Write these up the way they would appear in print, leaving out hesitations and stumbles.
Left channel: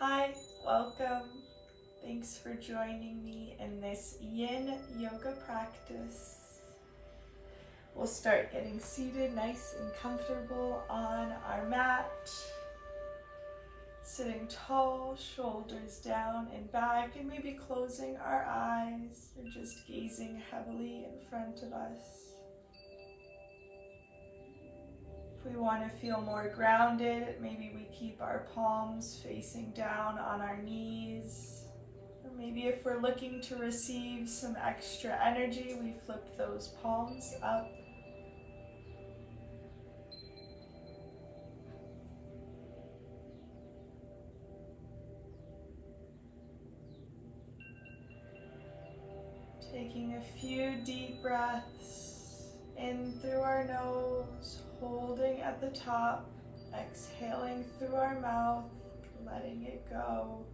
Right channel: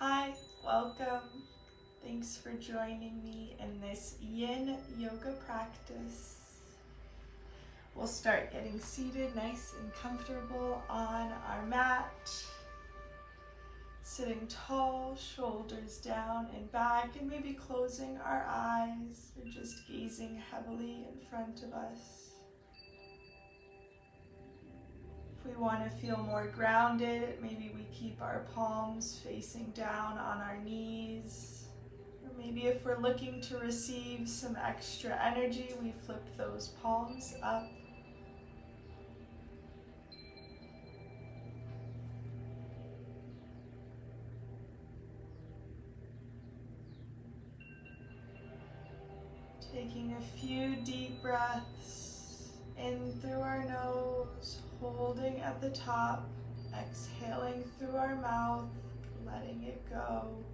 Hi, welcome. Thanks for joining me in this Yin Yoga practice. We'll start getting seated nice and comfortable on our mat. Sitting tall, shoulders down and back, and maybe closing our eyes or just gazing heavily in front of us. If we want to feel more grounded, maybe we keep our palms facing down on our knees. Or maybe if we're looking to receive some extra energy, we flip those palms up. Taking a few deep breaths in through our nose, holding at the top, exhaling through our mouth, letting it go.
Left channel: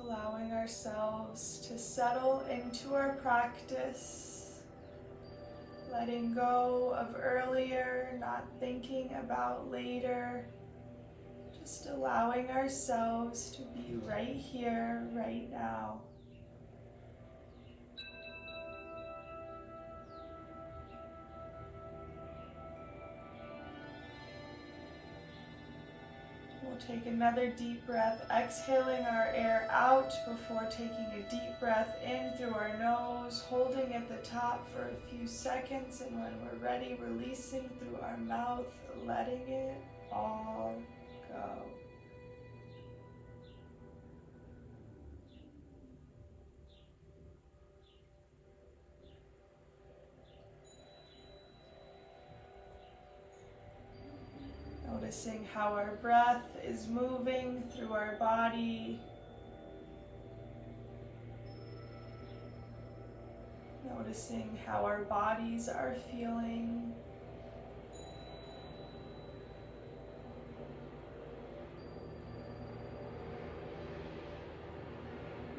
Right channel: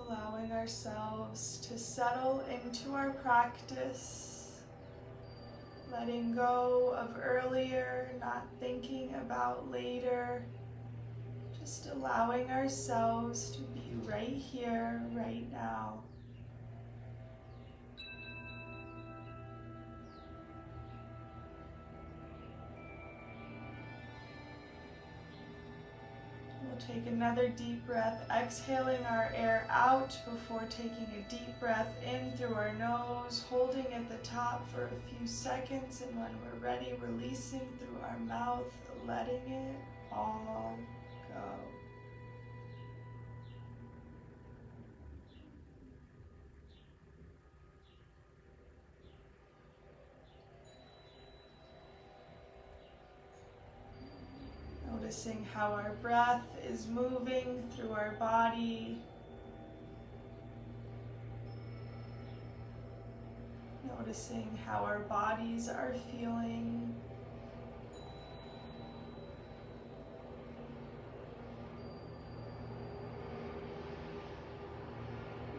Allowing ourselves to settle into our practice, letting go of earlier, not thinking about later, just allowing ourselves to be right here, right now. We'll take another deep breath, exhaling our air out before taking a deep breath in through our nose, holding at the top for a few seconds, and when we're ready, releasing through our mouth, letting it all go. Noticing how our breath is moving through our body. Noticing how our bodies are feeling.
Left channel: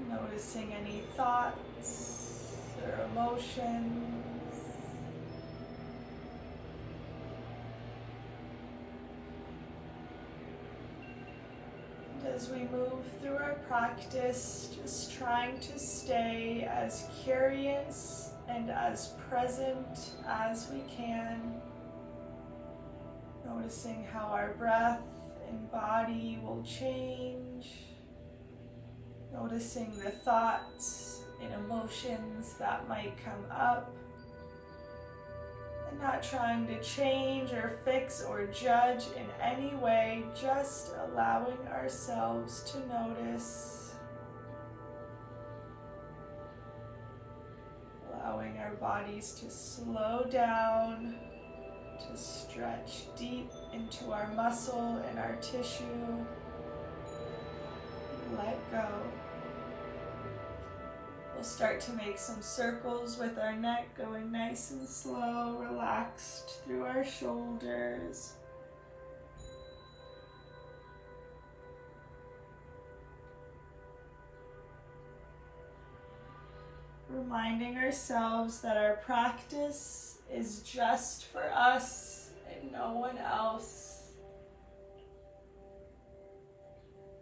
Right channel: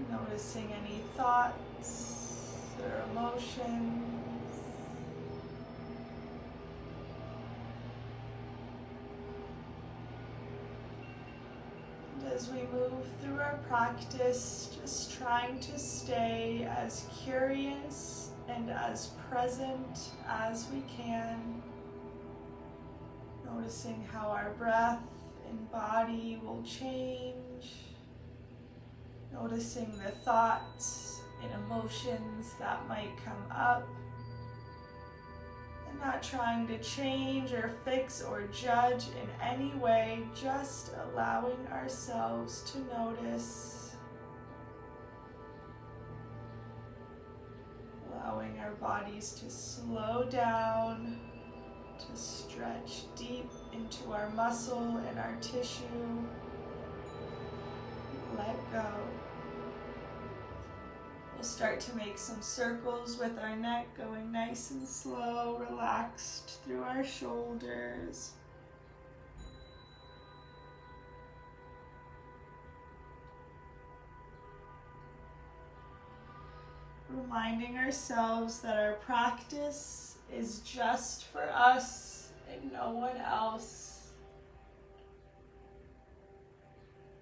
Noticing any thoughts or emotions. As we move through our practice, just trying to stay as curious and as present as we can. Noticing how our breath and body will change. Noticing the thoughts and emotions that might come up. And not trying to change or fix or judge in any way, just allowing ourselves to notice. Allowing our bodies to slow down, to stretch deep into our muscle and our tissue. Let go. We'll start to make some circles with our neck, going nice and slow, relaxed through our shoulders. Reminding ourselves that our practice is just for us and no one else.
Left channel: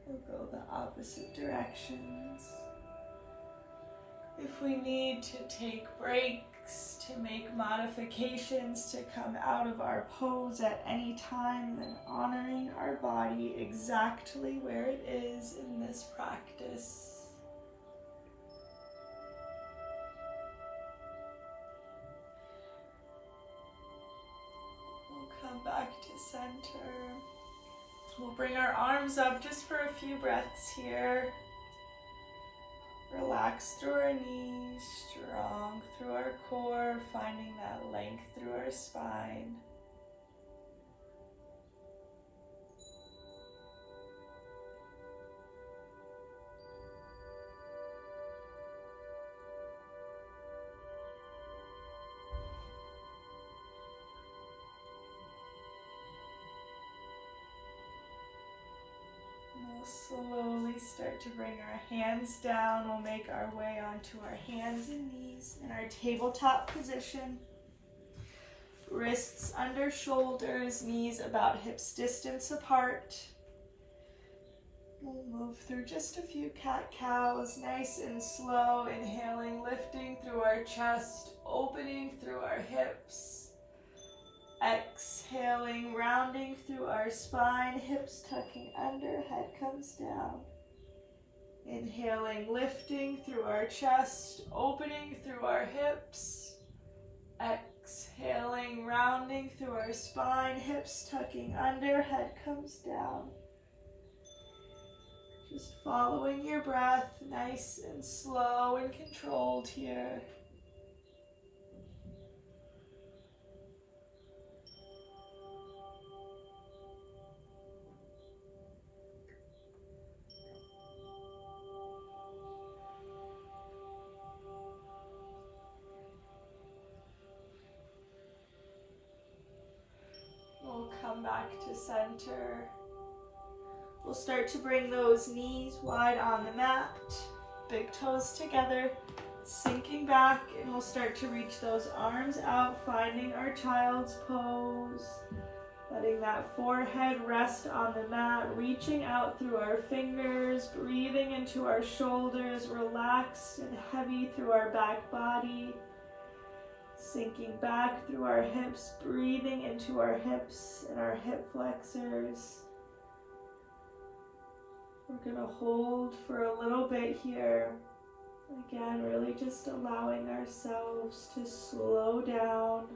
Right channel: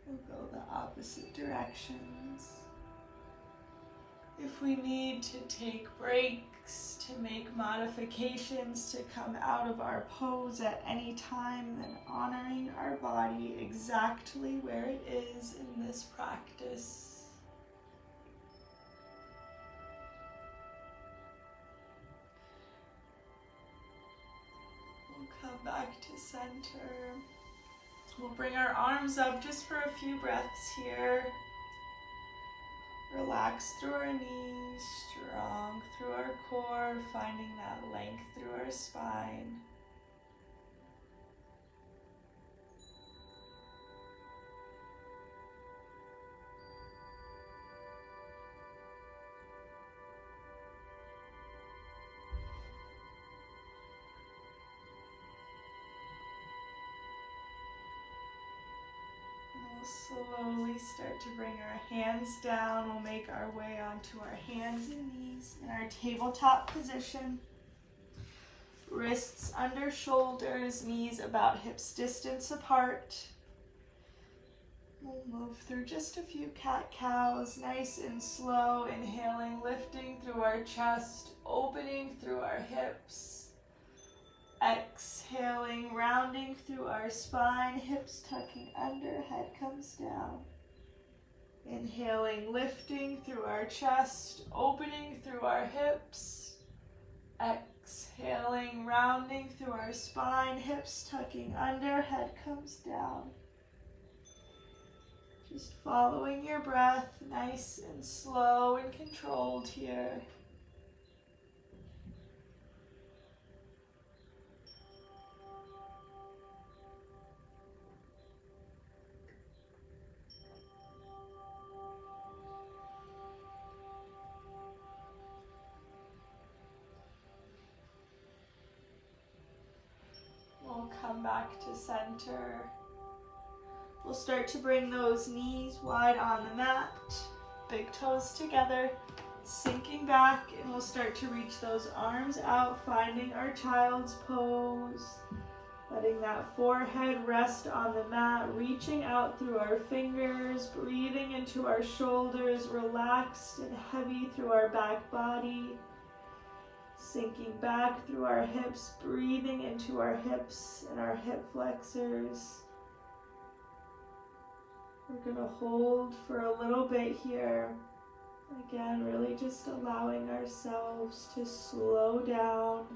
We'll go the opposite directions. If we need to take breaks, to make modifications, to come out of our pose at any time, then honoring our body exactly where it is in this practice. We'll come back to center. We'll bring our arms up just for a few breaths here. Relax through our knees, strong through our core, finding that length through our spine. We'll slowly start to bring our hands down. We'll make our way onto our hands and knees in our tabletop position. Wrists under shoulders, knees about hips distance apart. We'll move through just a few cat-cows, nice and slow, inhaling, lifting through our chest, opening through our hips. Exhaling, rounding through our spine, hips tucking under, head comes down. Inhaling, lifting through our chest, opening through our hips. Exhaling, rounding through our spine, hips tucking under, head comes down. Just following your breath, nice and slow and controlled here. We'll come back to center. We'll start to bring those knees wide on the mat, big toes together, sinking back, and we'll start to reach those arms out, finding our child's pose, letting that forehead rest on the mat, reaching out through our fingers, breathing into our shoulders, relaxed and heavy through our back body, sinking back through our hips, breathing into our hips and our hip flexors. We're going to hold for a little bit here. Again, really just allowing ourselves to slow down.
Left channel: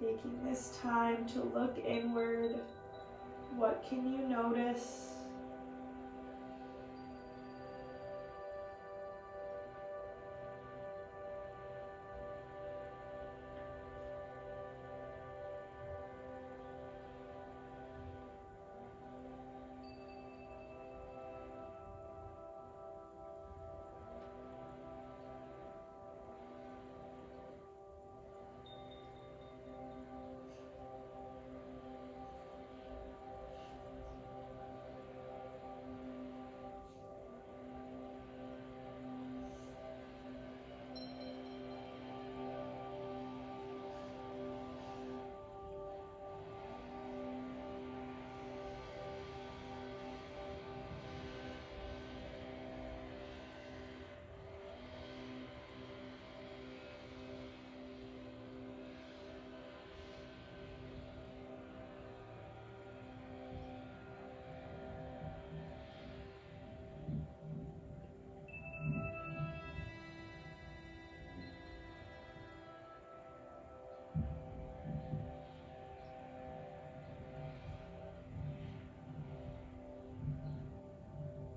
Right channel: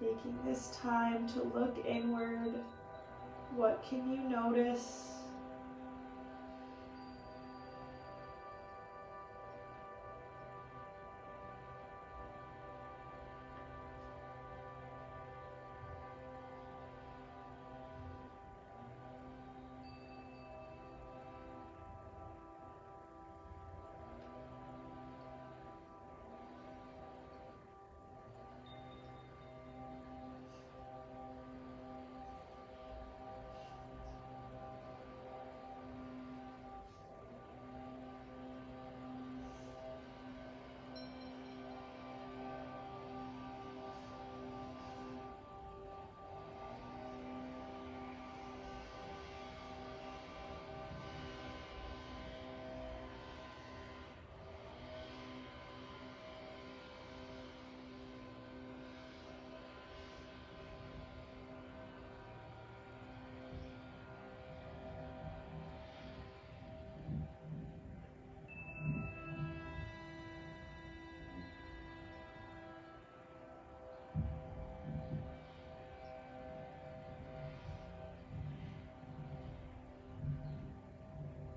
Taking this time to look inward. What can you notice?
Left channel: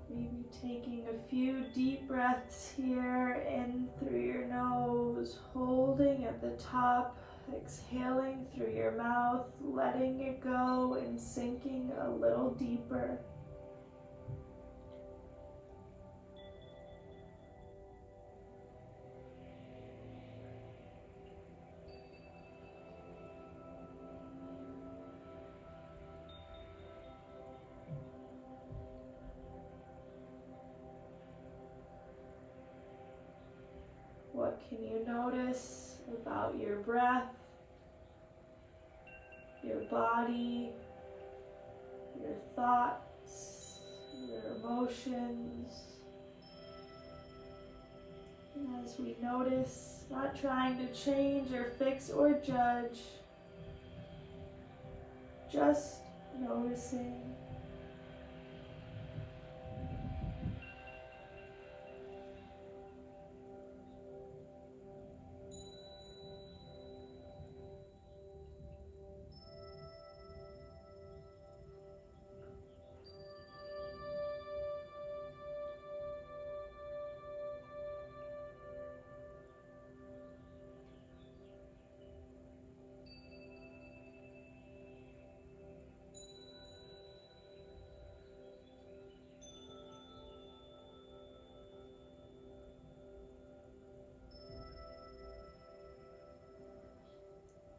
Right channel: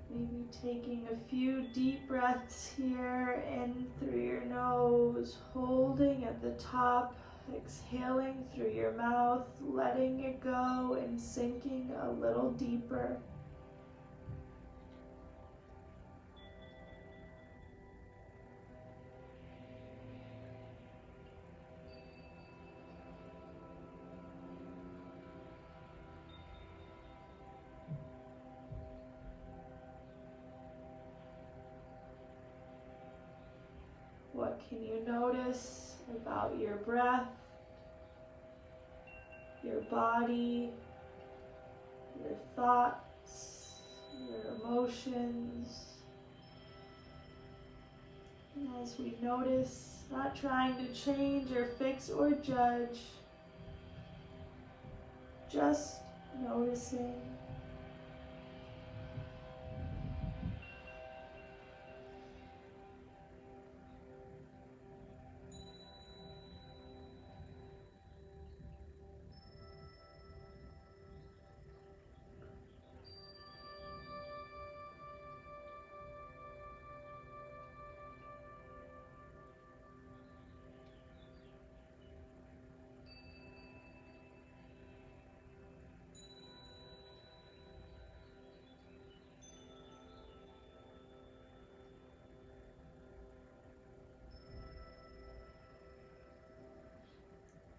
Maybe taking a few deep breaths here, in through your nose, holding at the top, exhaling through your mouth, letting it go and sinking a little deeper. What can you notice about your breath, your body, your thoughts, your emotions? And as we notice, not trying to change or fix or judge, just noticing.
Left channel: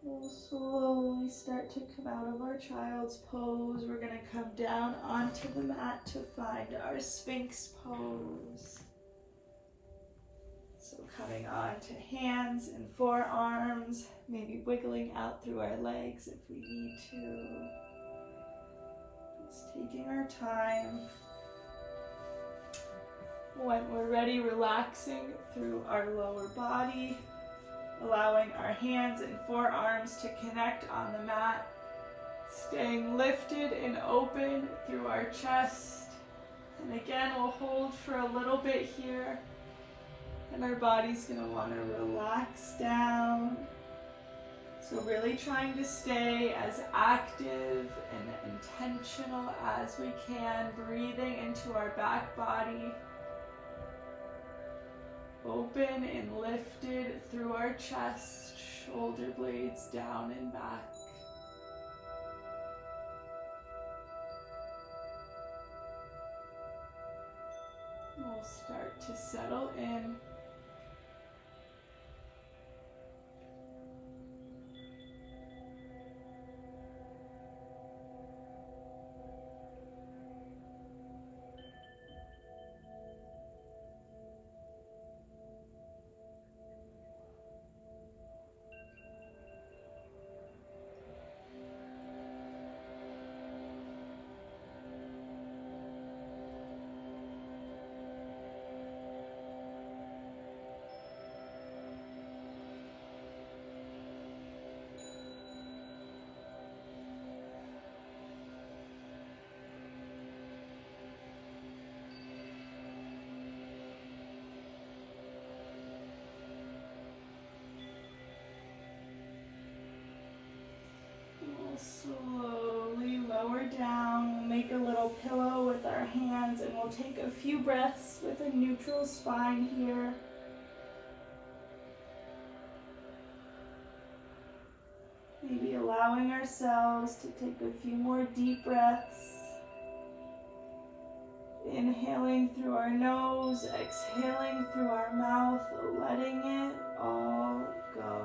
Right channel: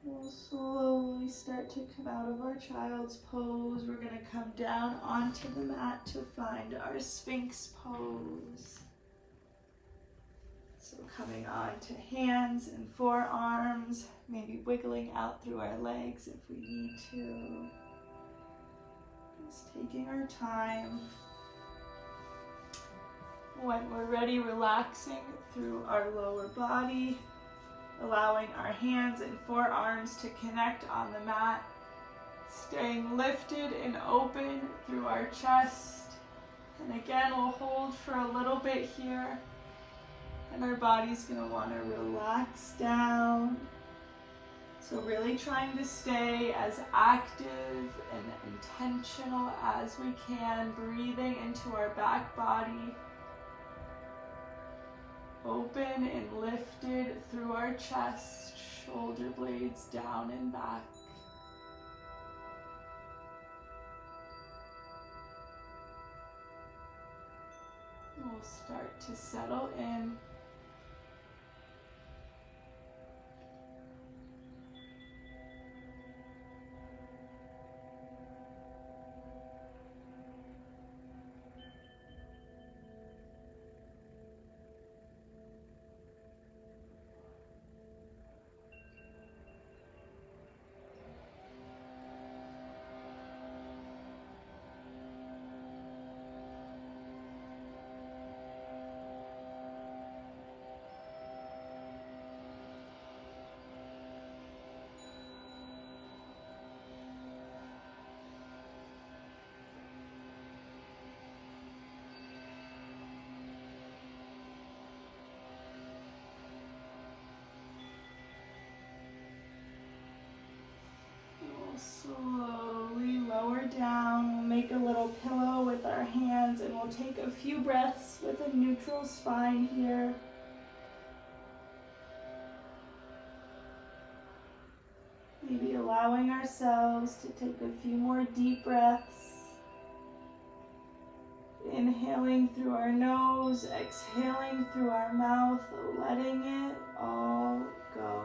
We'll slowly start to come out of our child's pose. We're going to come down onto the mat to find our Sphinx pose. So Coming on to hands and forearms, maybe wiggling out through our legs if we need to. Just taking our time. When we're ready, relaxing through our lower body, allowing our hands and forearms to connect on the mat, staying lifted and open through our chest. And again, we'll hold for a little bit here. And our body's going to want to relax down. So really trying to stay as active and intentional as we can, breathing into our back body. Open and lifted through our chest, shoulder blades down and back. We'll start to settle in. Slowly lower down. We'll make a little pillow with our hands and we'll take a few breaths with a neutral spine here. Maybe allowing ourselves to take a few more deep breaths. Inhaling through our nose, exhaling through our mouth, letting it all go.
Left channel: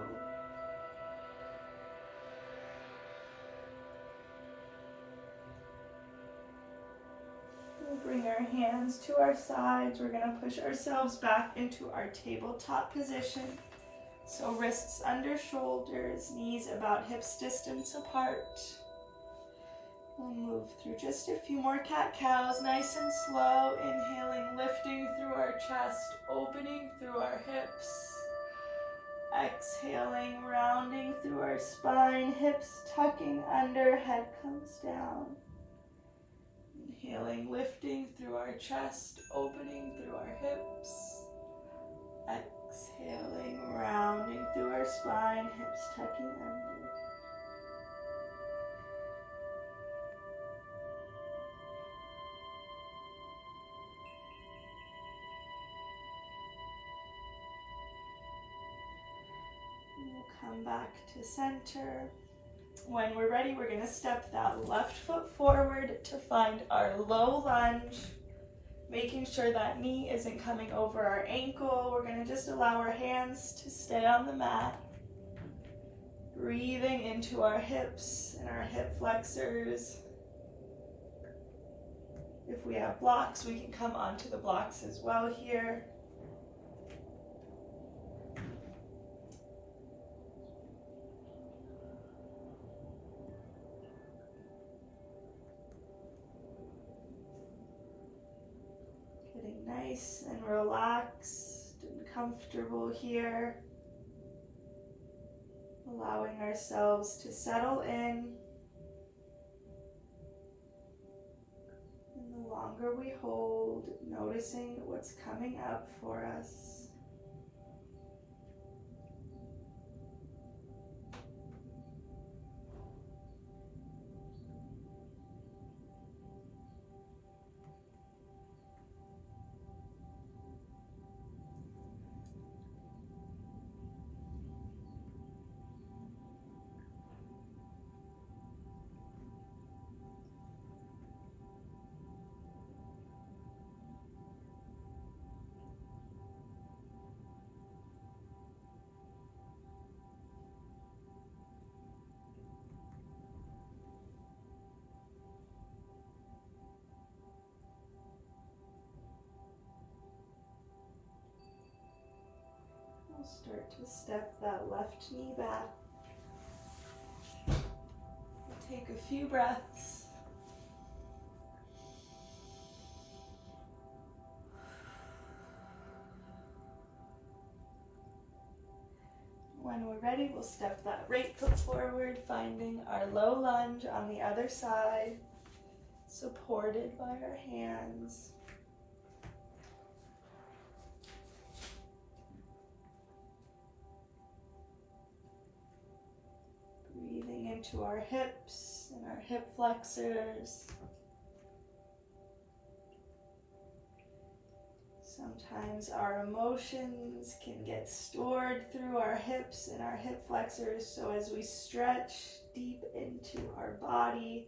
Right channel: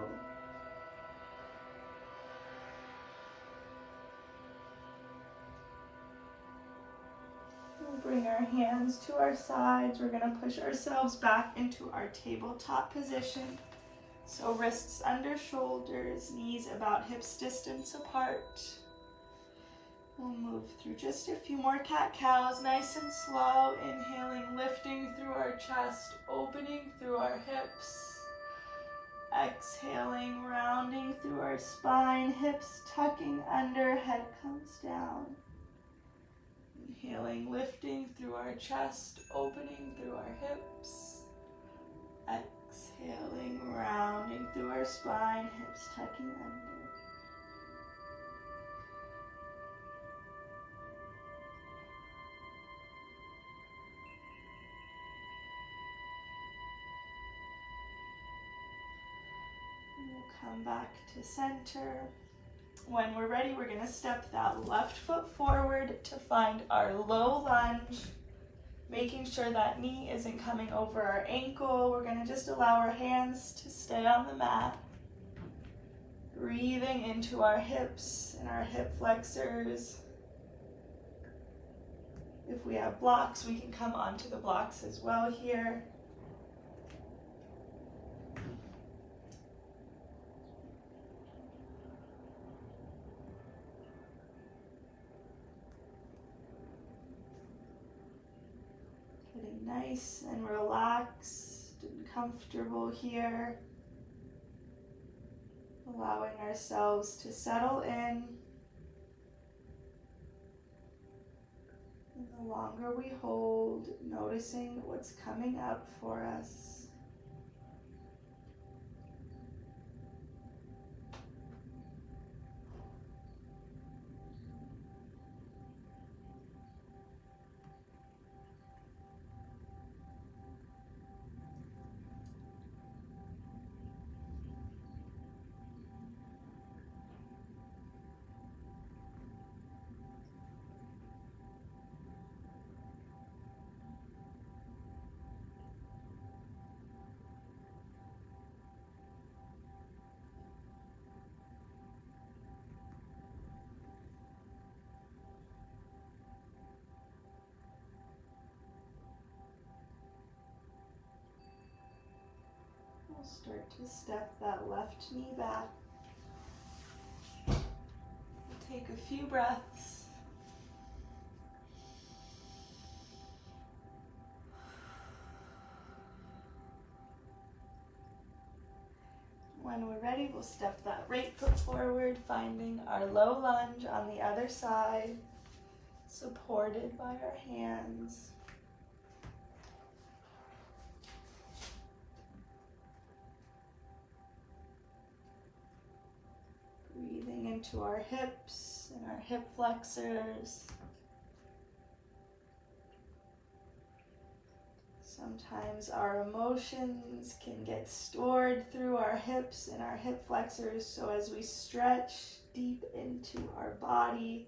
We'll bring our hands to our sides. We're going to push ourselves back into our tabletop position. So wrists under shoulders, knees about hips distance apart. We'll move through just a few more cat-cows, nice and slow. Inhaling, lifting through our chest, opening through our hips. Exhaling, rounding through our spine, hips tucking under, head comes down. Inhaling, lifting through our chest, opening through our hips. Exhaling, rounding through our spine, hips tucking under. We'll come back to center. When we're ready, we're going to step that left foot forward to find our low lunge, making sure that knee isn't coming over our ankle. We're going to just allow our hands to stay on the mat, breathing into our hips and our hip flexors. If we have blocks, we can come onto the blocks as well here. Getting nice and relaxed and comfortable here. Allowing ourselves to settle in. And the longer we hold, noticing what's coming up for us. We'll start to step that left knee back. Take a few breaths. When we're ready, we'll step that right foot forward, finding our low lunge on the other side, supported by our hands. Breathing into our hips and our hip flexors. Sometimes our emotions can get stored through our hips and our hip flexors, so as we stretch deep into our body,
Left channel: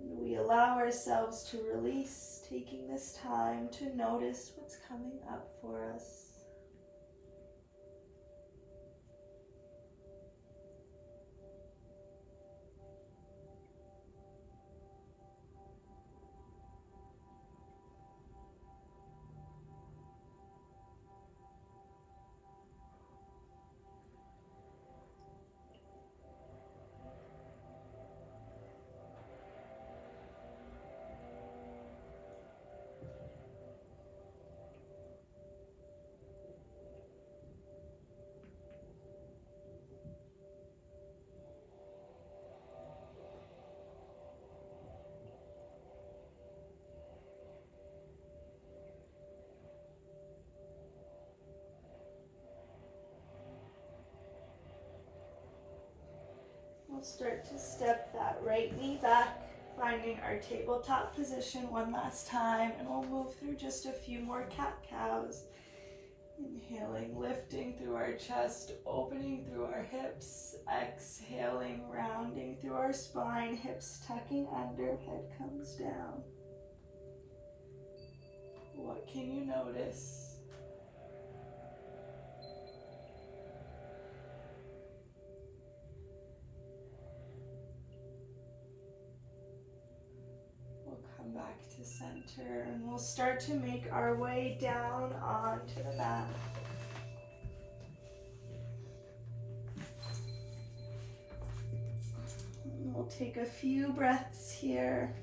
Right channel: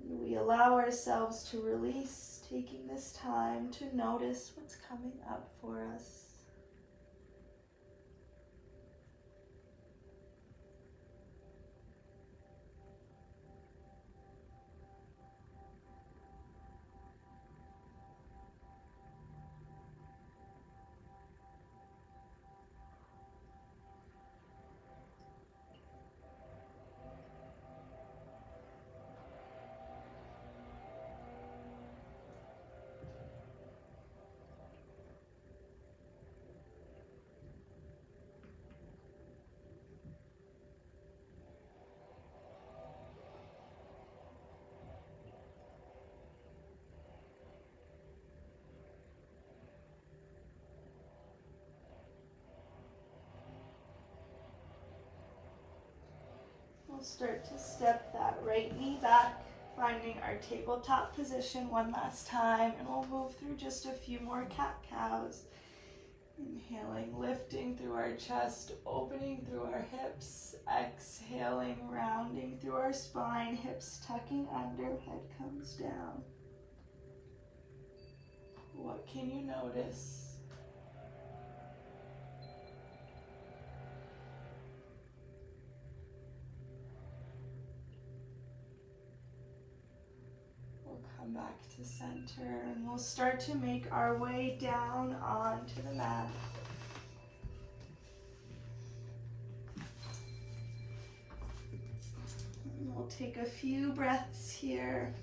and we allow ourselves to release, taking this time to notice what's coming up for us. We'll start to step that right knee back, finding our tabletop position one last time, and we'll move through just a few more cat-cows. Inhaling, lifting through our chest, opening through our hips, exhaling, rounding through our spine, hips tucking under, head comes down. What can you notice? Come back to center, and we'll start to make our way down onto the mat. And we'll take a few breaths here.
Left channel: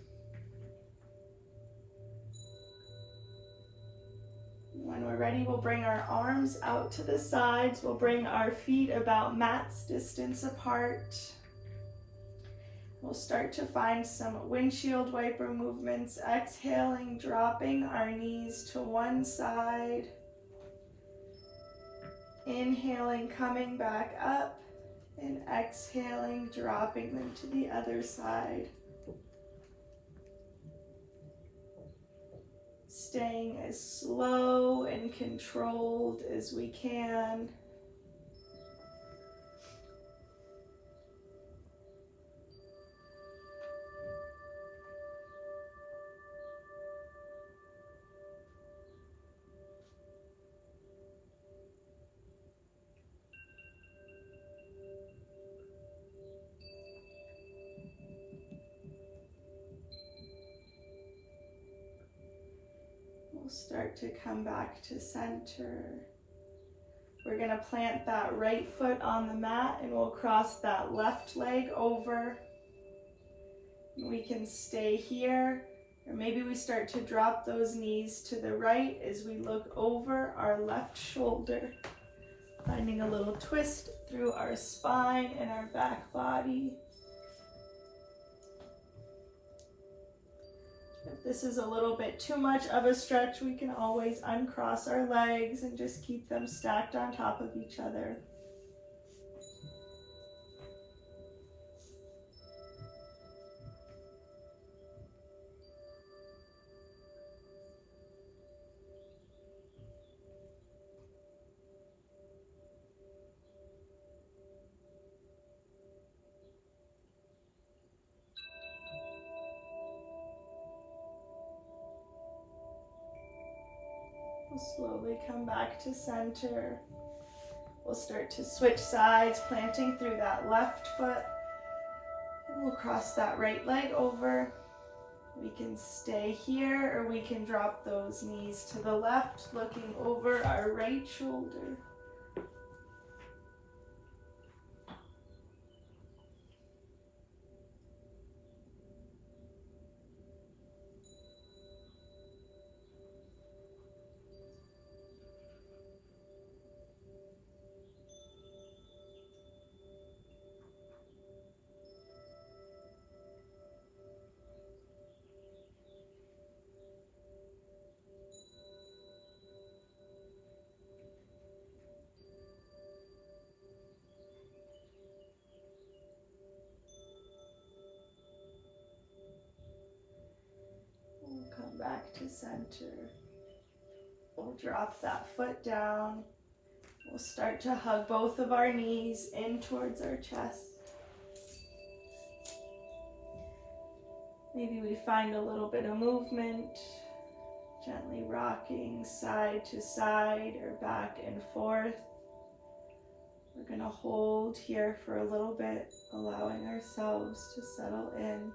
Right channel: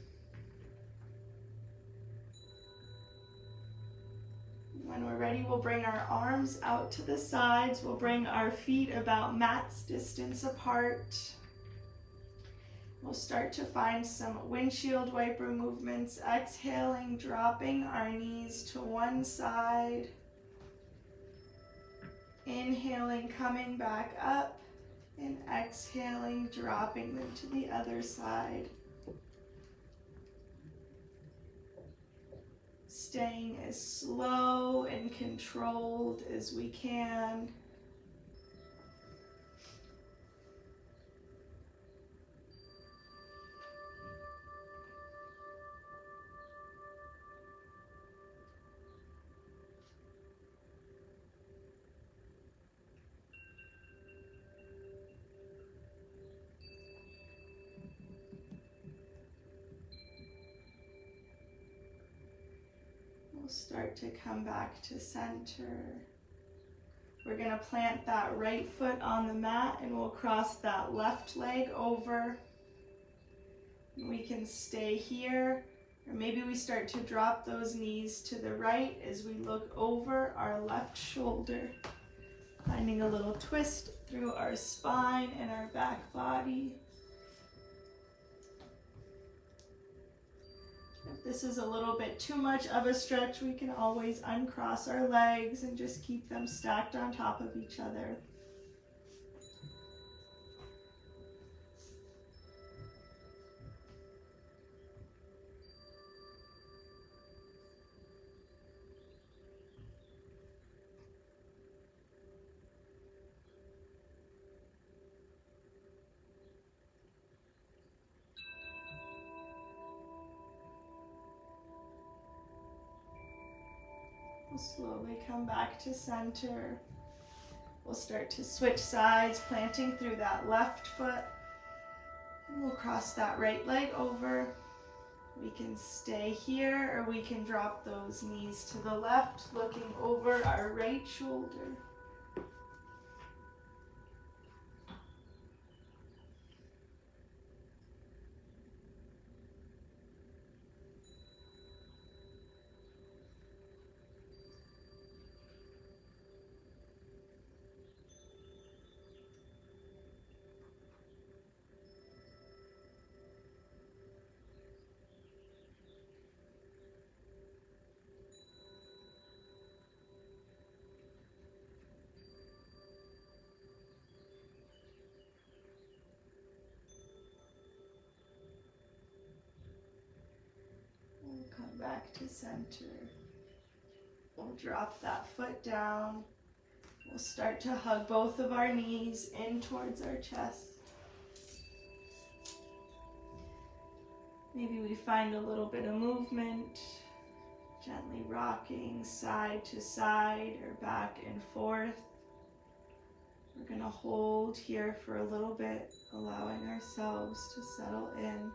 When we're ready, we'll bring our arms out to the sides. We'll bring our feet about mat's distance apart. We'll start to find some windshield wiper movements, exhaling, dropping our knees to one side. Inhaling, coming back up, and exhaling, dropping them to the other side. Staying as slow and controlled as we can. We'll start to come back to center. We're going to plant that right foot on the mat, and we'll cross that left leg over. We can stay here, or maybe we start to drop those knees to the right as we look over our left shoulder, finding a little twist through our spine and our back body. If this is a little bit too much of a stretch, we can always uncross our legs and just keep them stacked on top of each other. We'll slowly come back to center. We'll start to switch sides, planting through that left foot. And we'll cross that right leg over. We can stay here, or we can drop those knees to the left, looking over our right shoulder. to center. We'll drop that foot down. We'll start to hug both of our knees in towards our chest. Maybe we find a little bit of movement, gently rocking side to side or back and forth. We're going to hold here for a little bit, allowing ourselves to settle in.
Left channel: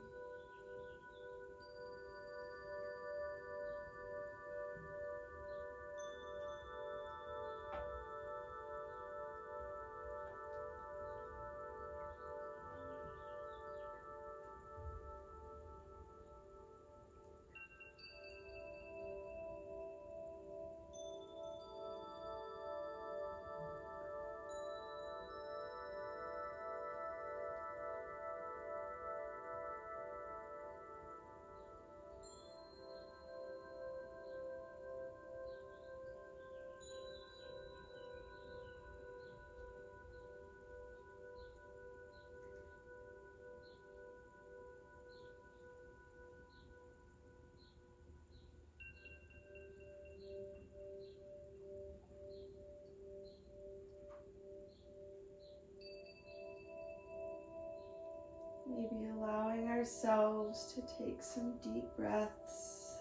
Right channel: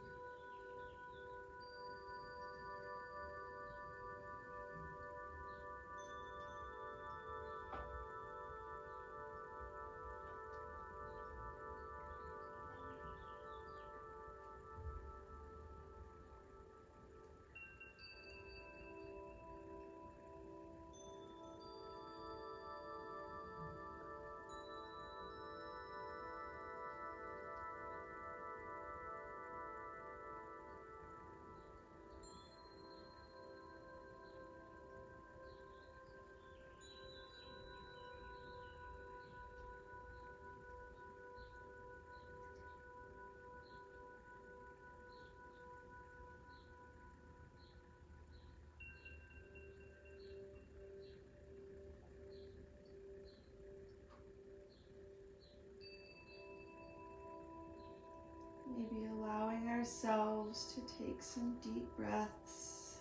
Maybe allowing ourselves to take some deep breaths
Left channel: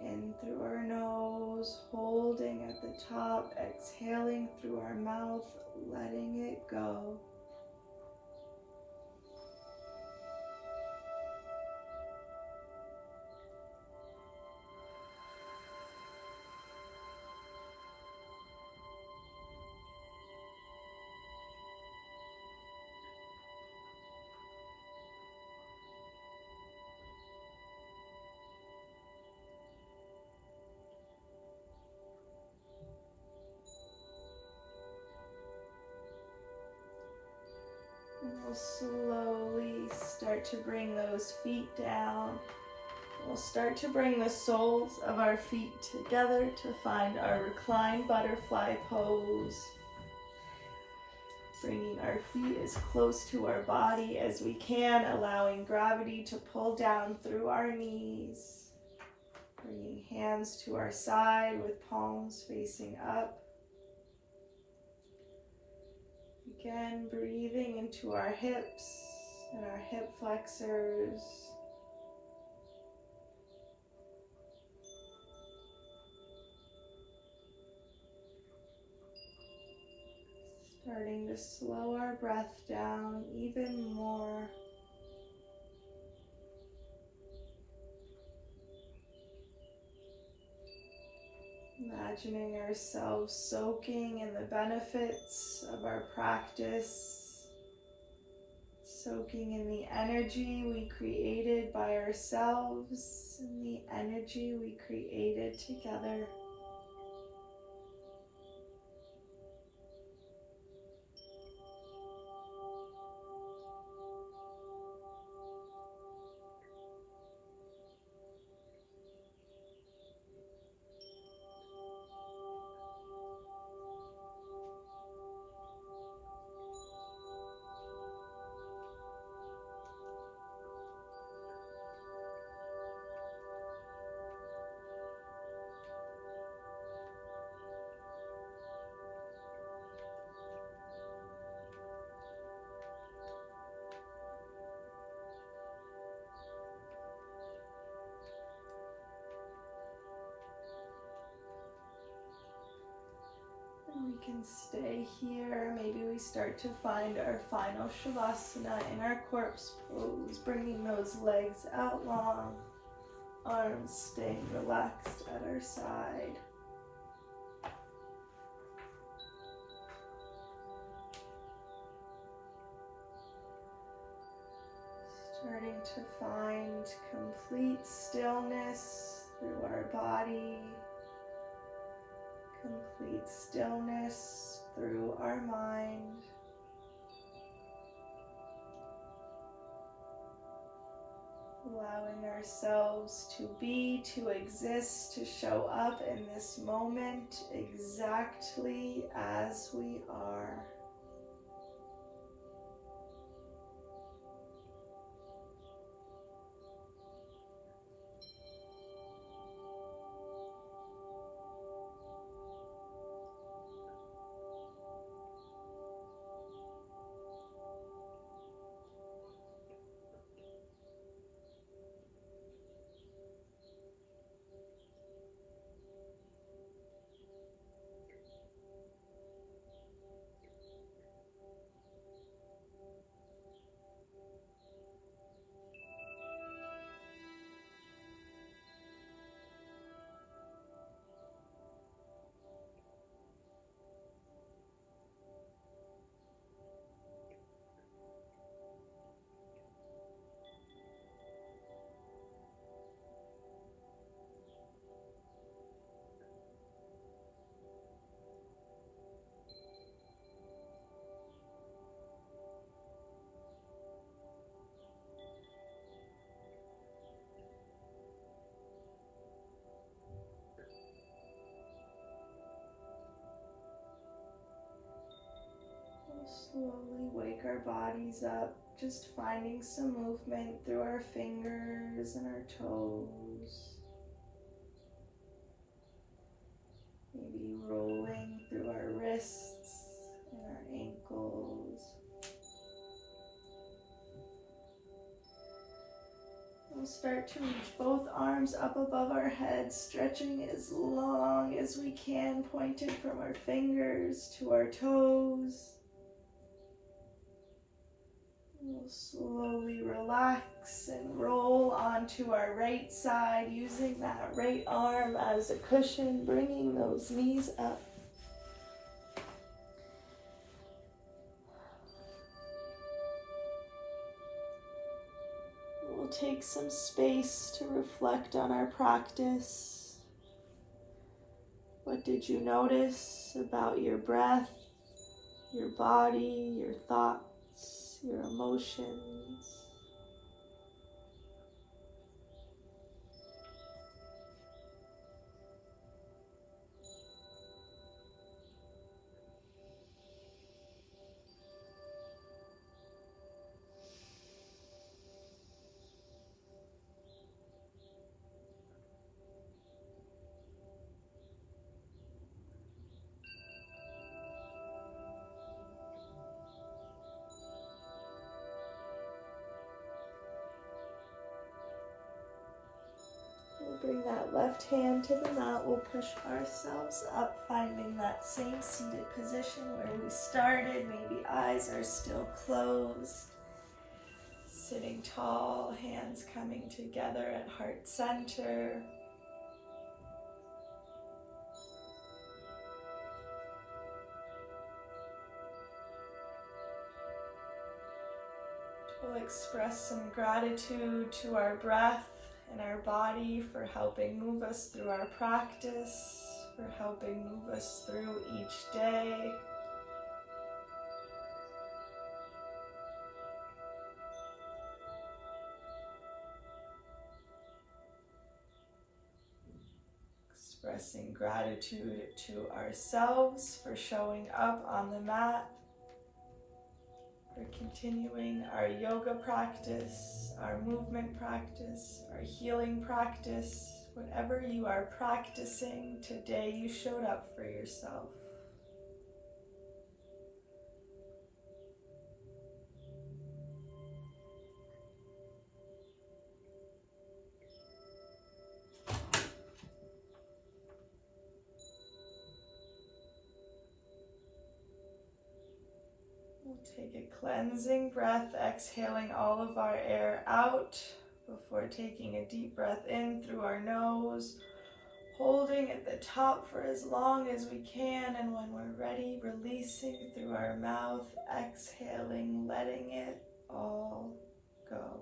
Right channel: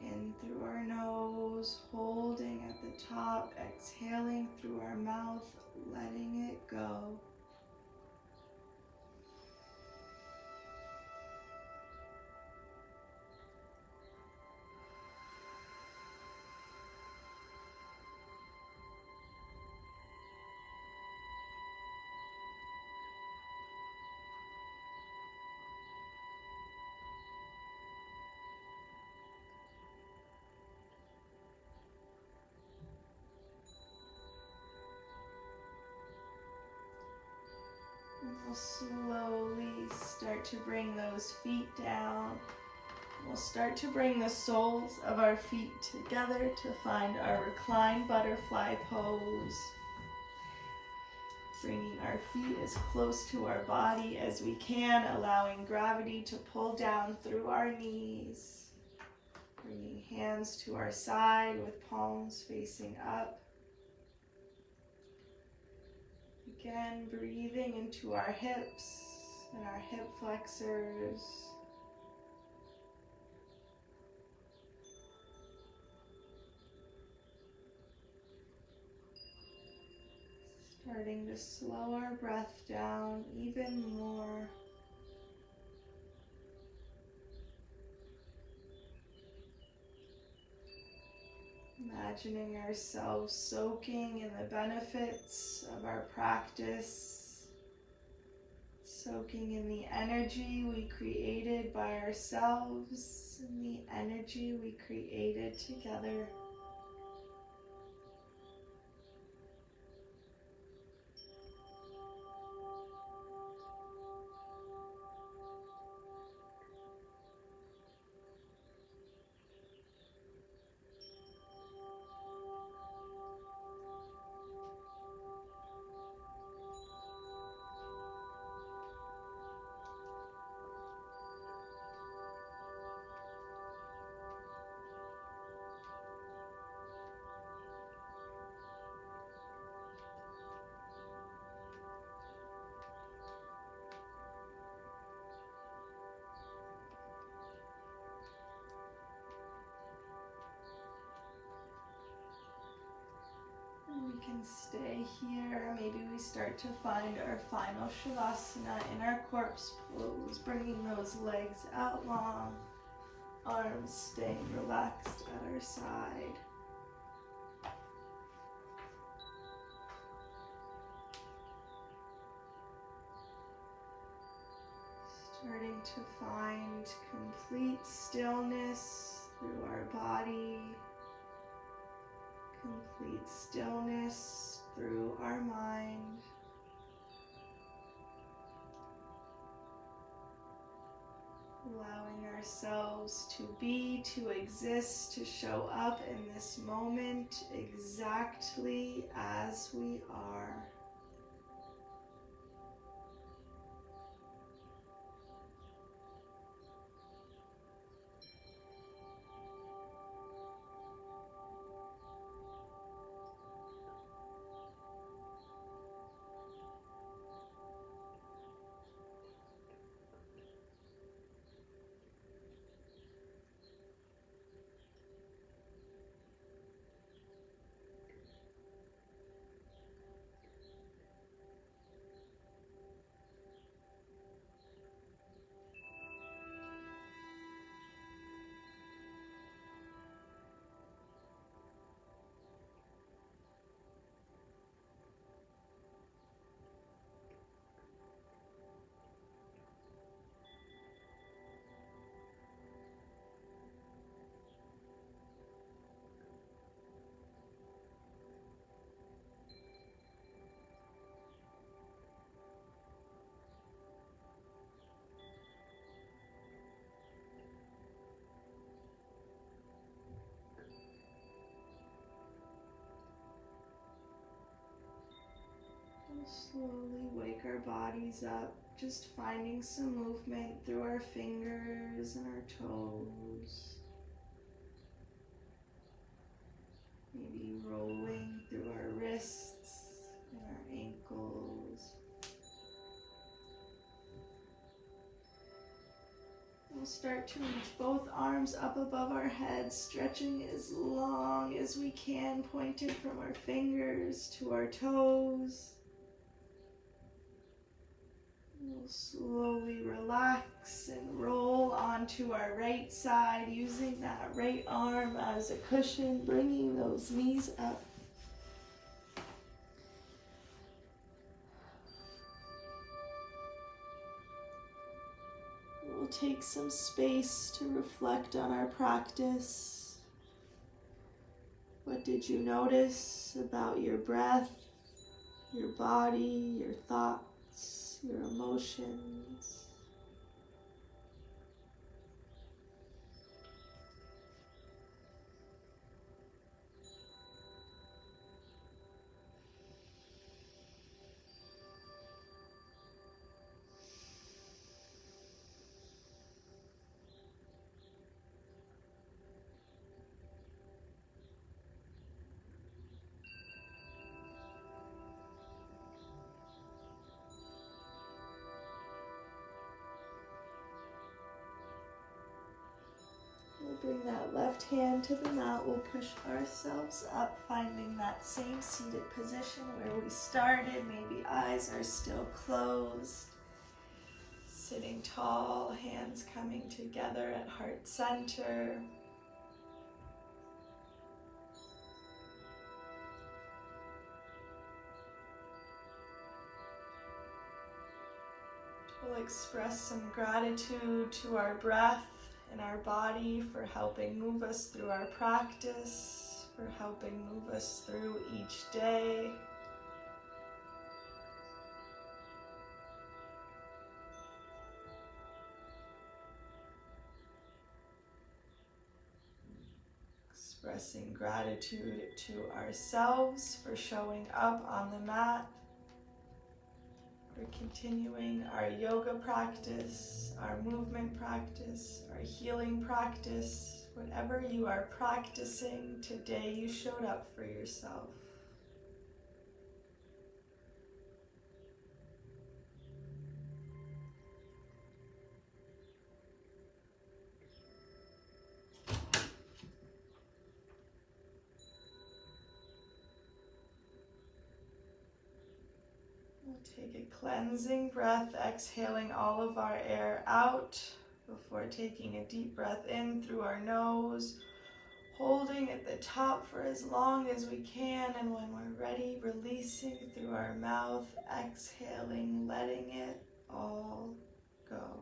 in through our nose, holding at the top, exhaling through our mouth, letting it go. And we'll slowly start to bring those feet down. We'll start to bring the soles of our feet together to find our reclined butterfly pose. Bringing our feet as close to our body as we can, allowing gravity to pull down through our knees. Bringing hands to our side with palms facing up. Again, breathing into our hips and our hip flexors. Starting to slow our breath down even more. Imagining ourselves soaking in the benefits of our practice, soaking in the energy we created by ourselves and the energy we created together. We can stay here. Maybe we start to find our final Shavasana in our corpse pose, bringing those legs out long, arms staying relaxed at our side. Starting to find complete stillness through our body. Complete stillness through our mind. Allowing ourselves to be, to exist, to show up in this moment exactly as we are. Slowly wake our bodies up, just finding some movement through our fingers and our toes. Maybe rolling through our wrists and our ankles. We'll start to reach both arms up above our heads, stretching as long as we can, pointed from our fingers to our toes. We'll slowly relax and roll onto our right side, using that right arm as a cushion, bringing those knees up. We'll take some space to reflect on our practice. What did you notice about your breath, your body, your thoughts, your emotions? We'll bring that left hand to the mat. We'll push ourselves up, finding that same seated position where we started. Maybe eyes are still closed. Sitting tall, hands coming together at heart center. We'll express some gratitude to our breath and our body for helping move us through our practice, for helping move us through each day. Expressing gratitude to ourselves for showing up on the mat, for continuing our yoga practice, our movement practice, our healing practice. Whatever you are practicing today, you showed up for yourself. We'll take a cleansing breath, exhaling all of our air out before taking a deep breath in through our nose, holding at the top for as long as we can, and when we're ready, releasing through our mouth, exhaling, letting it all go.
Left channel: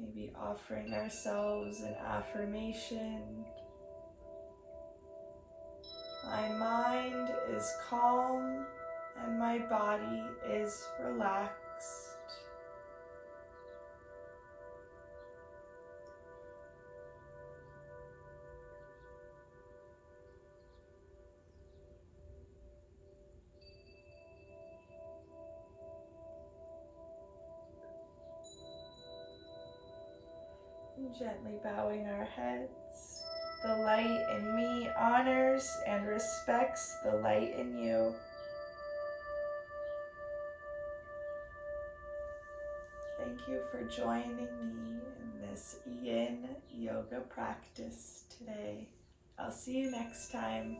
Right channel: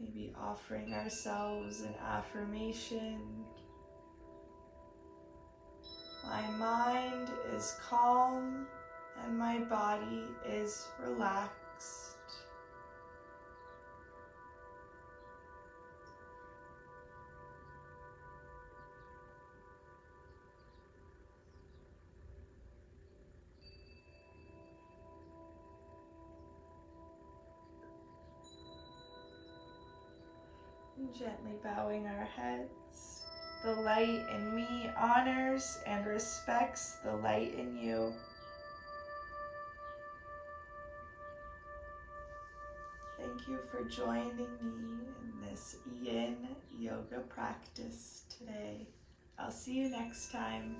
Maybe offering ourselves an affirmation. My mind is calm and my body is relaxed. And gently bowing our heads. The light in me honors and respects the light in you. Thank you for joining me in this Yin Yoga practice today. I'll see you next time.